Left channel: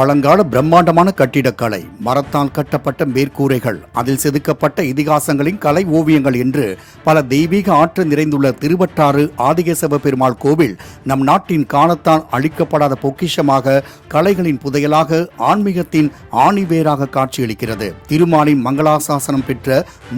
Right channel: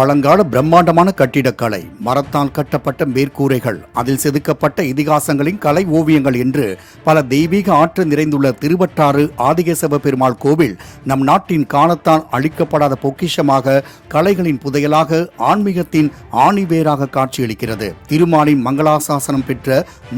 பழங்கால பிரம்மாண்டமான கட்டிடக்கலை, மரத்தால் கட்டப்பட்ட மேற்கூரைகள், அதில் செதுக்கப்பட்ட இதிகாசங்களின் கலை ஓவியங்கள் என்று பல தெய்வீக ஆற்றல் நிறைந்துள்ள திருவட்டாறு ஆதிகேசவ பெருமாள் கோவில் நம் நாட்டின் காலத்தால் அழிக்கப்படாத பொக்கிஷமாக, கலைகளின் புதையலாக, ஆன்மீகத்தின் ஆணிவேராக காட்சியளிக்கிறது. திருமாலின் மங்களாசாசனம் பெற்ற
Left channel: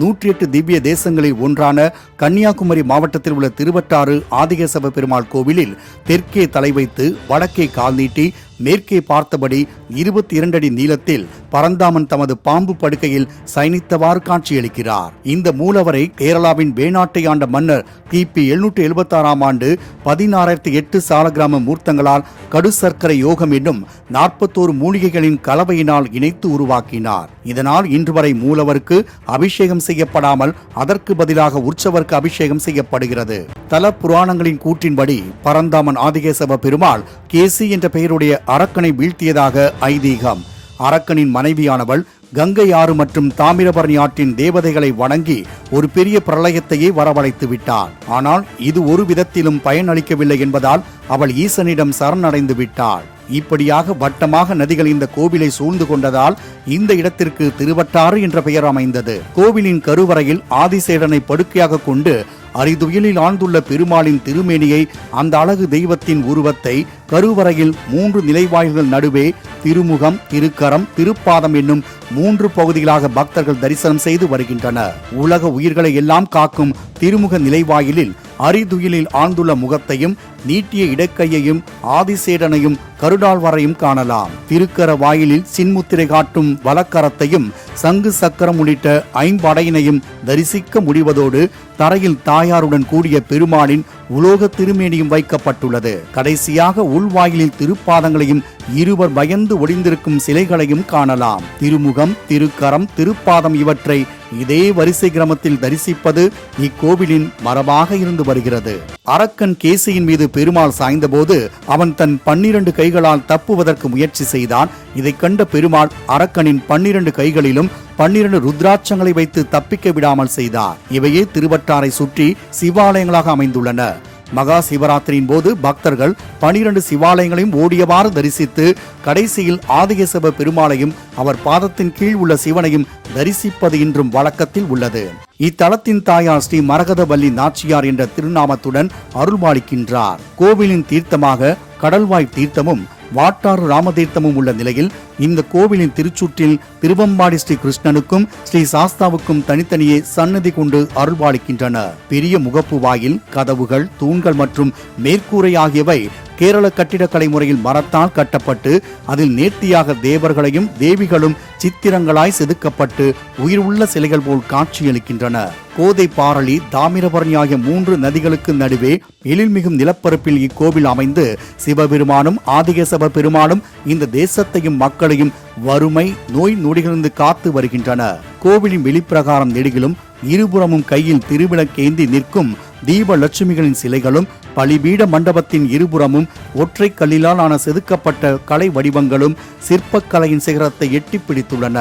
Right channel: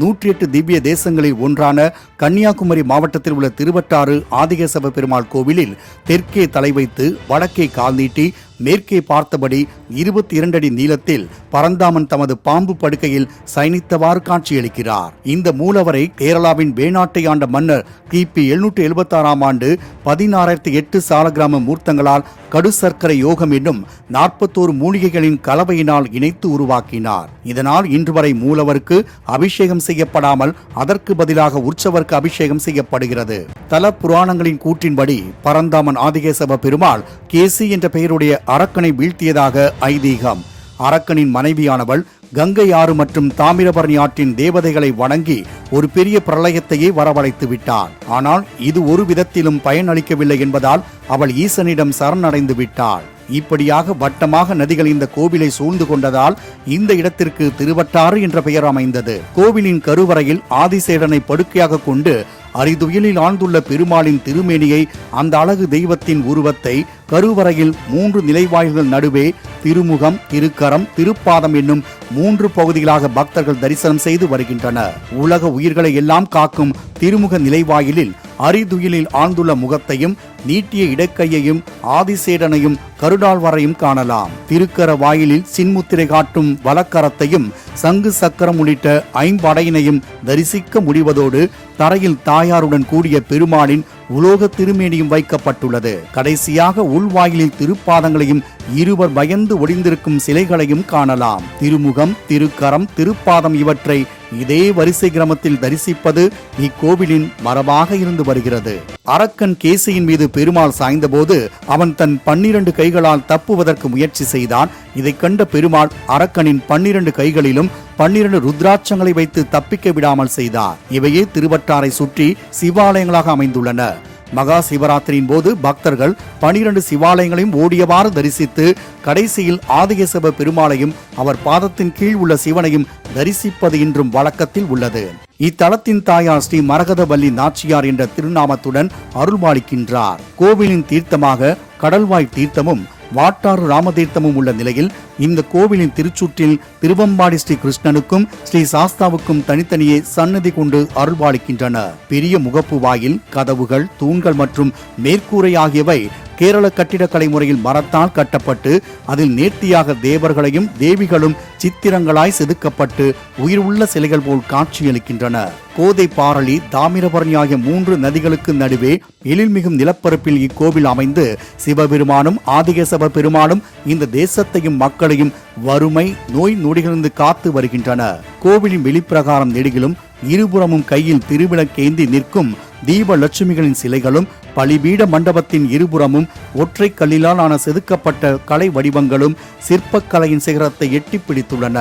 108 திவ்ய தேசங்களில் ஒன்றான கன்னியாகுமரி மாவட்டத்தில் உள்ள திருவட்டாறு ஆதிகேசவ பெருமாள் கோவிலில் தெற்கே தலை வைத்து வடக்கே கால் நீட்டி மேற்கே பார்த்தபடி 22 அடி நீளத்தில் பரந்தாமன் தமது பாம்பு படுக்கையில் சயனித்தவாறு காட்சியளிக்கிறார். இந்த மூலவரை கேரளாவின் வேணாட்டை ஆண்ட மன்னர் கிபி 776 ஆண்டு 16,008 சாலக்கிராம மூர்த்தங்களால் கடு சர்க்கரை யோகம் என்னும் 41 மூலிகைகளின் கலவையினால் இணைத்து உருவாக்கினார். இதனால் இன்று வரை மூலவருக்கு அபிஷேகம் செய்யப்படாமல் அதற்கு பதிலாக உற்சவருக்கு அபிஷேகம் செய்யப்படுகிறது. தல புராணங்களின் கூற்றின்படி பரந்தாமன் ஆதிகேசவ பெருமாள் கேசி என்ற பெயருடைய அரக்கனை வீழ்த்தியதாக ஐதீகம். அரக்கனின் மனைவியானவள் கங்கை ஆறு மற்றும் தாமிரபரணி ஆற்றின் தேவதைகளை வணங்கி ஒரு பெரிய பிரளயத்தையே வரவழைத்து விட்டாள். ஆனால் இது ஒரு விதத்திலும் பயனளிக்கவில்லை என்பதால் அவள் ஈசனிடம் சரணடைந்து விட்டாள். இப்படியாக வட்டமாக நதிகள் இந்த கோவிலை சூழ்ந்து கொண்டதால் இந்த இடத்திற்கு திருவட்டாறு என்ற பெயர் அமைந்தது. கோவிலின் கருவறையில் ஆதிசேடனை படுக்கையாக கொண்டு அரிதுயிலில் ஆழ்ந்துள்ள பெருமாளின் திருமேனியை, அந்த அழகு தெய்வத்தின் உருவத்தை கருவறையில் 3 நிலைவாயில்கள் நடுவே திருமுகம், திருக்கரம், திருப்பாதம் என்னும் 3 பகுதிகளாக பக்தர்கள் தரிசனம் செய்து வருகின்றனர். உலக உயிர்களை எல்லாம் காக்கும் திருமுக நிலைவாயிலில் அரிதுயிலில் ஆழ்ந்துள்ள முகத்தையும், நீட்டிய இடக்கையையும், ஆதிசேடனையும், கருடாழ்வாரையும் காணலாம். திருக்கர வாயிலில் சின்முத்திரை காட்டும் வலக்கரத்தையும், சங்கு சக்கரம் உள்ளிட்ட 5 அடையினையும் தரிசிக்க முடிவதோடு தரையில் தாயாருடன் கூடிய பெருமாளின் உலோக திருமேனியும் வைக்கப்பட்டுள்ளது. கடைசியாக உள்வாயிலில் திருப்பாதங்களையும், இருவர் பயந்து ஒளிந்திருக்கும் சிலைகளையும் காணலாம். திருமுகம், திருக்கரம், திருப்பாதம் இவற்றை இதே வரிசை கிரமத்தில் தரிசிப்பது இக்கோவிலின் மரபாக இருந்து வருகிறது. அரக்கன் கேசியின் மீது பெருமாள் சாய்ந்தபோது அவன் தன் 12 கைகளால் தப்புவதற்கு முயற்சி செய்தான். இதை கண்ட பெருமாள் அரக்கனின் 12 கைகளிலும் 12 ருத்ராட்சங்களை வைத்து தப்பிக்க விடாமல் செய்தார். இவையே திருவட்டாரை சுற்றி சிவாலயங்களாக அமைந்துள்ளன. மகா சிவராத்திரியின் போது பக்தர்கள் 12 சிவாலயங்களையும் ஓடியவாறு தரிசித்து கடைசியில் ஆதிகேசவ பெருமாளையும் அவர் பாதத்தின் கீழ் உள்ள சிவனையும் தரிசிப்பது இன்றும் வழக்கத்தில் உள்ளது. இத்தலத்தின் தாயார் ஸ்ரீ மரகதவல்லி நாச்சியார் என்ற திருநாமத்துடன் அருள்பாலிக்கின்றார். கோவிலின் தீர்த்தமாக கடல்வாய் தீர்த்தமும் வாட்டாறு ராமதீர்த்தமும் உள்ள நிலையில் இந்த கோவிலின் திருச்சுற்றில் திருவம்பாடி ஸ்ரீ கிருஷ்ணனுக்கும் ஸ்ரீ சாஸ்தாவுக்கும் தனித்தனியே சன்னதி கொண்டு அருள்பாலிக்கின்றன. பெரிய முகப்பு வாயில், கதவுகள், தூண்கள் மற்றும் மேற்கூரை ஆகியவை கேரள கட்டிடக்கலை முறையில் மரத்தால் கட்டப்பட்டு அதில் நேர்த்தியாக தேவர்களையும் தேவிகளும் சித்திரங்களாய் செதுக்கப்பட்டு உயிர் உள்ள சிலைகள் போல் காட்சியளிக்கின்றன. கோதை, பாரளி, தாமிரபரணி ஆகிய 3 நதிகளுக்கு நடுவே எழில்மிகும் நிலப்பரப்பில் இக்கோவில் அமைந்து சிவபெருமானும் ஆதிகேசவ பெருமானும் இந்த தேசத்தையும் மக்களையும் வறுமை, நோய் நொடிகளிலிருந்து காத்து வருகின்றனர். கோவிலின் வெளிப்பிரகாரம் நெடுகிலும் இருபுறமும் கையில் திருவிளக்கேந்தி நிற்கும் தீப லட்சுமிகளின் சிலைகளும், பலிபீட மண்டபத்தின் இருபுறமும் ஒற்றை கல்லிலால் ஆன செதுக்கப்பட்ட கலை வடிவங்களும் சிற்பக்கலையின் சிகரத்தை எட்டி பிடித்துள்ளன.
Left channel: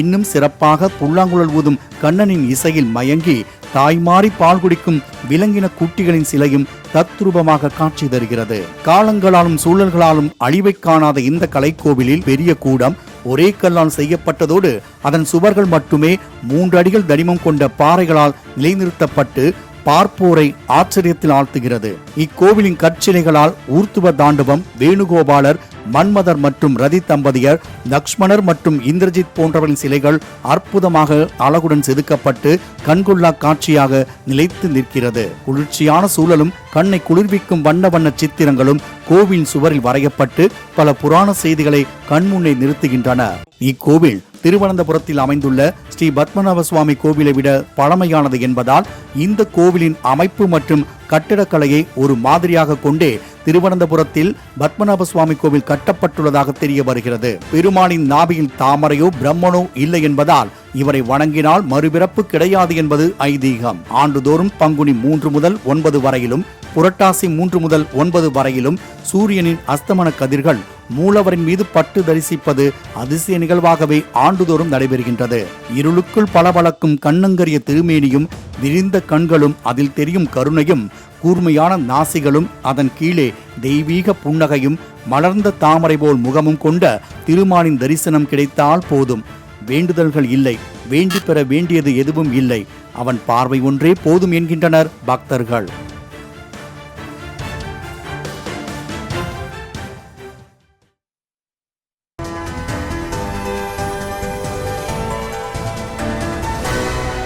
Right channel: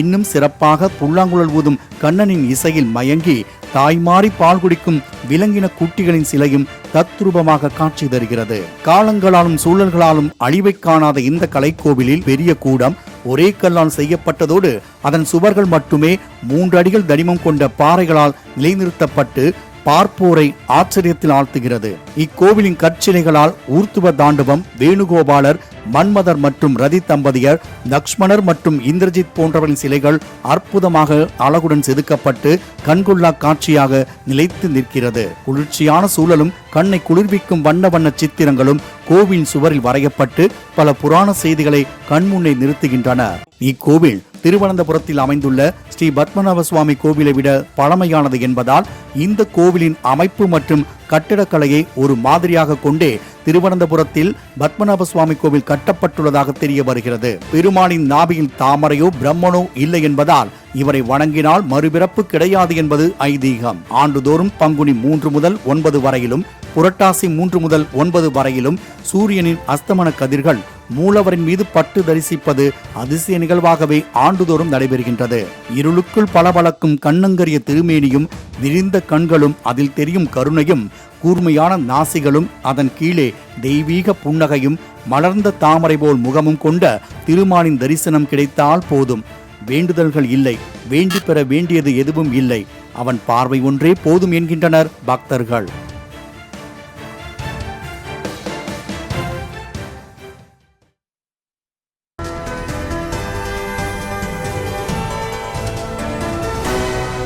இன்னும் சிறப்பாக புல்லாங்குழல் ஊதும் கண்ணனின் இசையில் மயங்கி தாய்மாறி பால் குடிக்கும் விலங்கின குட்டிகளின் சிலையும் தத்ரூபமாக காட்சி தருகிறது. காலங்களாலும் சூழல்களாலும் அழிவை காணாத இந்த கலைக்கோவிலில் பெரிய கூடம் ஒரே கல்லால் செய்யப்பட்டதோடு அதன் சுவர்கள் மட்டுமே 3 அடிகள் தடிமம் கொண்ட பாறைகளால் நிலைநிறுத்தப்பட்டு பார்ப்போரை ஆச்சரியத்தில் ஆழ்த்துகிறது. இக்கோவிலின் கற்சிலைகளால் ஊர்த்துவ தாண்டவம், வேணுகோபாலர், மன்மதர் மற்றும் ரதி தம்பதியர், லக்ஷ்மணர் மற்றும் இந்திரஜித் போன்றவர்களின் சிலைகள் அற்புதமாக அழகுடன் செதுக்கப்பட்டு கண்கொள்ளா காட்சியாக நிலைத்து நிற்கிறது. குளிர்ச்சியான சூழலும் கண்ணை குளிர்விக்கும் வண்ண வண்ண சித்திரங்களும் கோவிலின் சுவரில் வரையப்பட்டு பல புராண செய்திகளை கண்முன்னே நிறுத்துகின்றன. இக்கோவில் திருவனந்தபுரத்தில் அமைந்துள்ள ஸ்ரீ பத்மநாப சுவாமி கோவிலை விட பழமையானது என்பதால் இந்த கோவிலின் அமைப்பு மற்றும் கட்டிடக்கலையை ஒரு மாதிரியாக கொண்டே திருவனந்தபுரத்தில் பத்மநாப சுவாமி கோவில் கட்டப்பட்டுள்ளதாக தெரிய வருகிறது. பெருமானின் நாபியில் தாமரையோ பிரம்மனோ இல்லை என்பதால் இவரை வணங்கினால் மறுபிறப்பு கிடையாது என்பது ஐதீகம். ஆண்டுதோறும் பங்குனி 3 முதல் 9 வரையிலும், புரட்டாசி 3 முதல் 9 வரையிலும் சூரியனின் அஸ்தமன கதிர்கள் மூலவரின் மீது பட்டு தரிசிப்பது அதிசய நிகழ்வாகவே ஆண்டுதோறும் நடைபெறுகின்றது. இருளுக்குள் பளபளக்கும் கண்ணங்கரிய திருமேனியும், விரிந்த கண்களும், அதில் தெரியும் கருணையும் கூர்மையான நாசிகளும் அதன் கீழே தெய்வீக புன்னகையும் மலர்ந்த தாமரை போல் முகமும் கொண்ட திருமாலின் தரிசனம் கிடைத்தால் போதும். வேண்டுதல்கள் இல்லை, வேண்டி பெற வேண்டியது எதுவும் இல்லை, அவன் பார்வை ஒன்றே போதும் என்கின்றனர் பக்தர்கள்.